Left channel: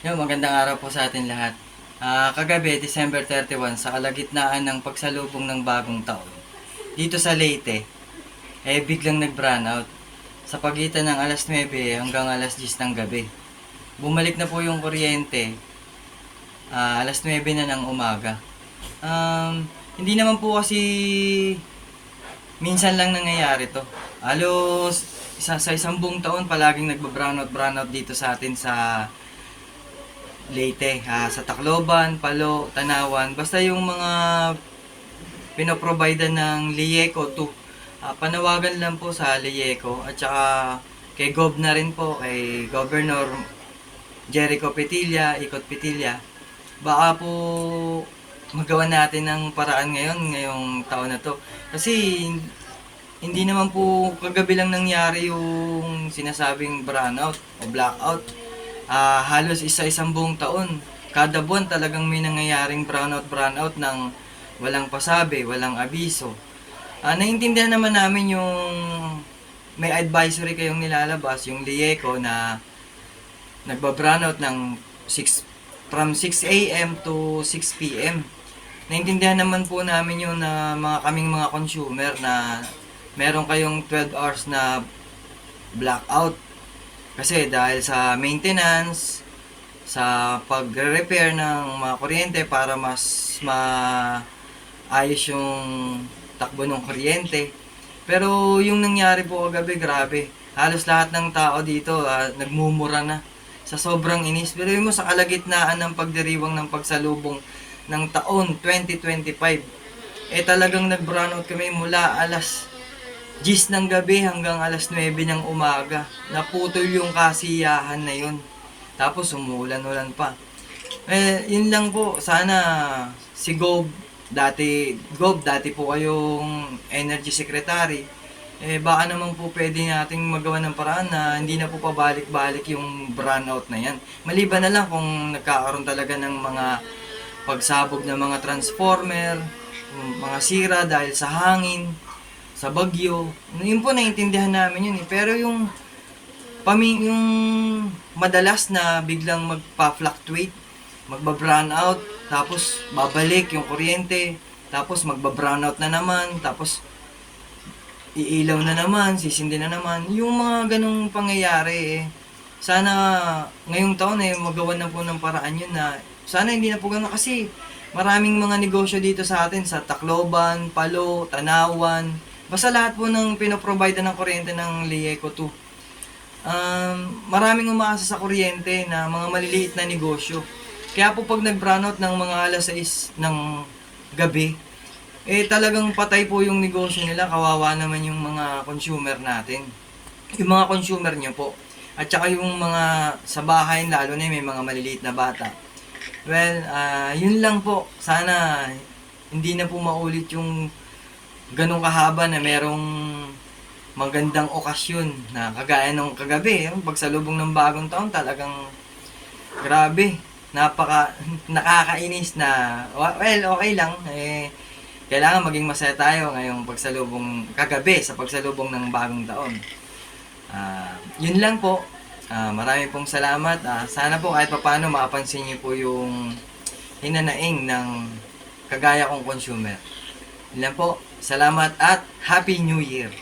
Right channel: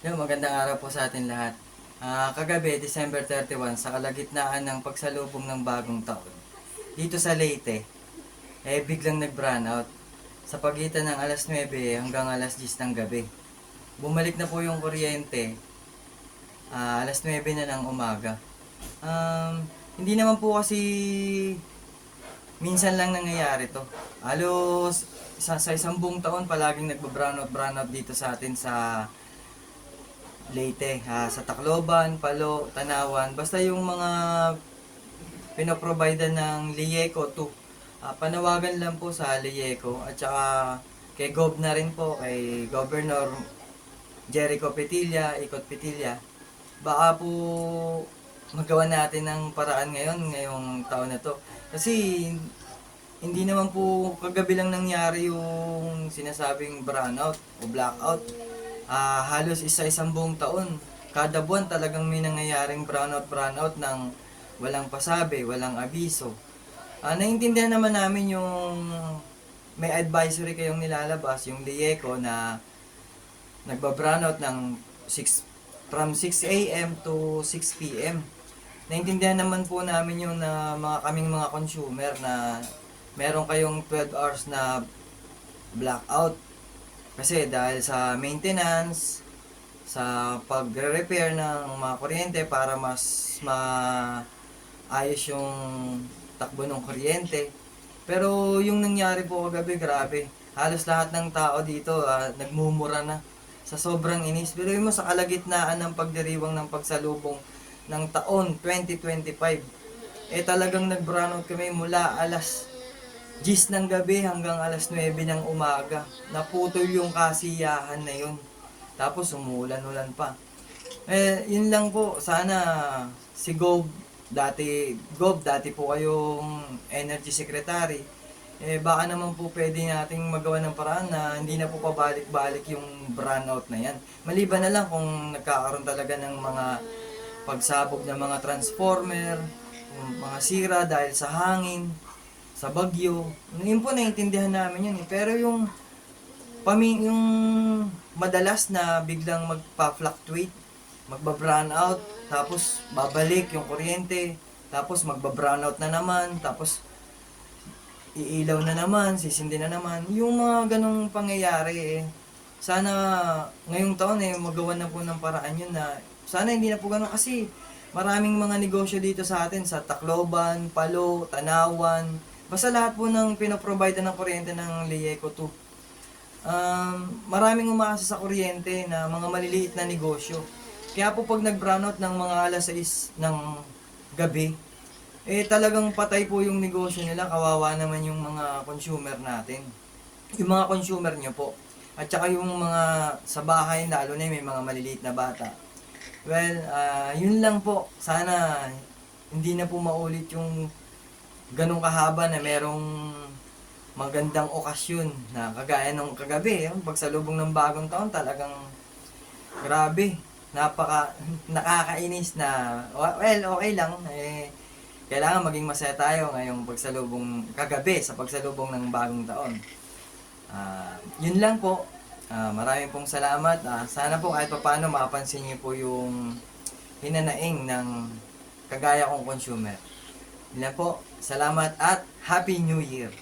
Magandang araw po sa atin lahat. Kagabi, December 31, sa kalagitnaan ng pagsalubong ng bagong taon, dito sa Leyte, biglang nag-brownout sa pagitan ng alas 9 hanggang alas 10 ng gabi. Bumalik na po yung kuryente, alas 9 na ng umaga. Hindi naman po kasi minsan lang nangyayari to. Halos sa isang buong taon palaging nagba-brownout dito sa atin sa Leyte, sa Tacloban, Palo, Tanawan, basta yung mga pinoprovide ng Lieco 2. Panawagan lang po sa Lieco at saka kay Gob na rin po, kay Governor Jericho Petilla, Ikot Petilla. Baka po magawa natin ng paraan ngayong taon na to. Kasi hindi naman po kagabi lang nangyari yung sinasabing brownout o blackout. Halos isa-isang buong taon. Kada buwan talagang may nangyayaring brownout ng walang pasabi, walang abiso. Naiintindihan naman namin yung may advisory kayong nilalabas, yung Lieco na nagba-brownout ng 6 from 6 a.m. to 6 p.m. Naintindihan naman po namin yun na kaming mga consumer na meron kayong 12 hours na blackout. Kasi dahil sa maintenance, sa pagre-repair ng mga kuryente para mas maayos yung takbo ng kuryente. Pero yung nangyari po kagabi, grabe. Halos lahat ng tao dito nagmumura na sa sobrang inis. Pero yung sa kalagitnaan ng pagdiriwang ng pagsalubong ng taon 2025, talagang nag-brownout kami mula alas 10 ng gabi hanggang alas 9 ng umaga. Naputol yung kasiyahan na yun. Tapos umuulan-ulan pa. Yun lang po. Sana si Gob, dati po kayong energy secretary. Baka naman po pwede nating magawa ng paraan na hindi na po pabalik-balik yung brownout na yan. Maliban na lang kung nagkakaroon talaga ng mga pagsabog ng mga transformer, mga sira dahil sa hangin, sa bagyo. Yun po naiintindihan namin yun. Pero yung madalas na biglang magpa-fluctuate, magba-brownout, tapos babalik yung kuryente, tapos magba-brownout na naman, tapos iilaw na naman, sisindi na naman. Yung mga ganong pangyayari sana ngayong taon magawa na po ng paraan yun na sana hindi na po ganon kasi maraming mga negosyo dito sa atin sa Tacloban, Palo, Tanawan, basta lahat po ng pinoprovide ng kuryente ng Lieco 2. Maraming umaasa sa kuryente na mga maliliit na negosyo. Kaya po pag nag-brownout ng mga alas 6 ng gabi, talagang patay po yung negosyo nila. Kawawa naman yung mga consumer natin. Yung mga consumer nyo po. At saka yung mga sa bahay, lalo na may mga maliliit na bata. Well, yun lang po. Sana hindi na po maulit yung ganong kahaba na merong magandang okasyon na kagaya nung kagabi, yung pagsalubong ng bagong taon, talagang grabe, nakakainis na, well, okay lang, kailangan maging masaya tayo ngayong kagabi sa pagsalubong ng bagong taon. Yun lang po. Marami pong salamat. Sana po kahit paano mapansin niyo po yung hinanaing ng kagaya kong consumer. Yun lang po. Salamat at Happy New Year!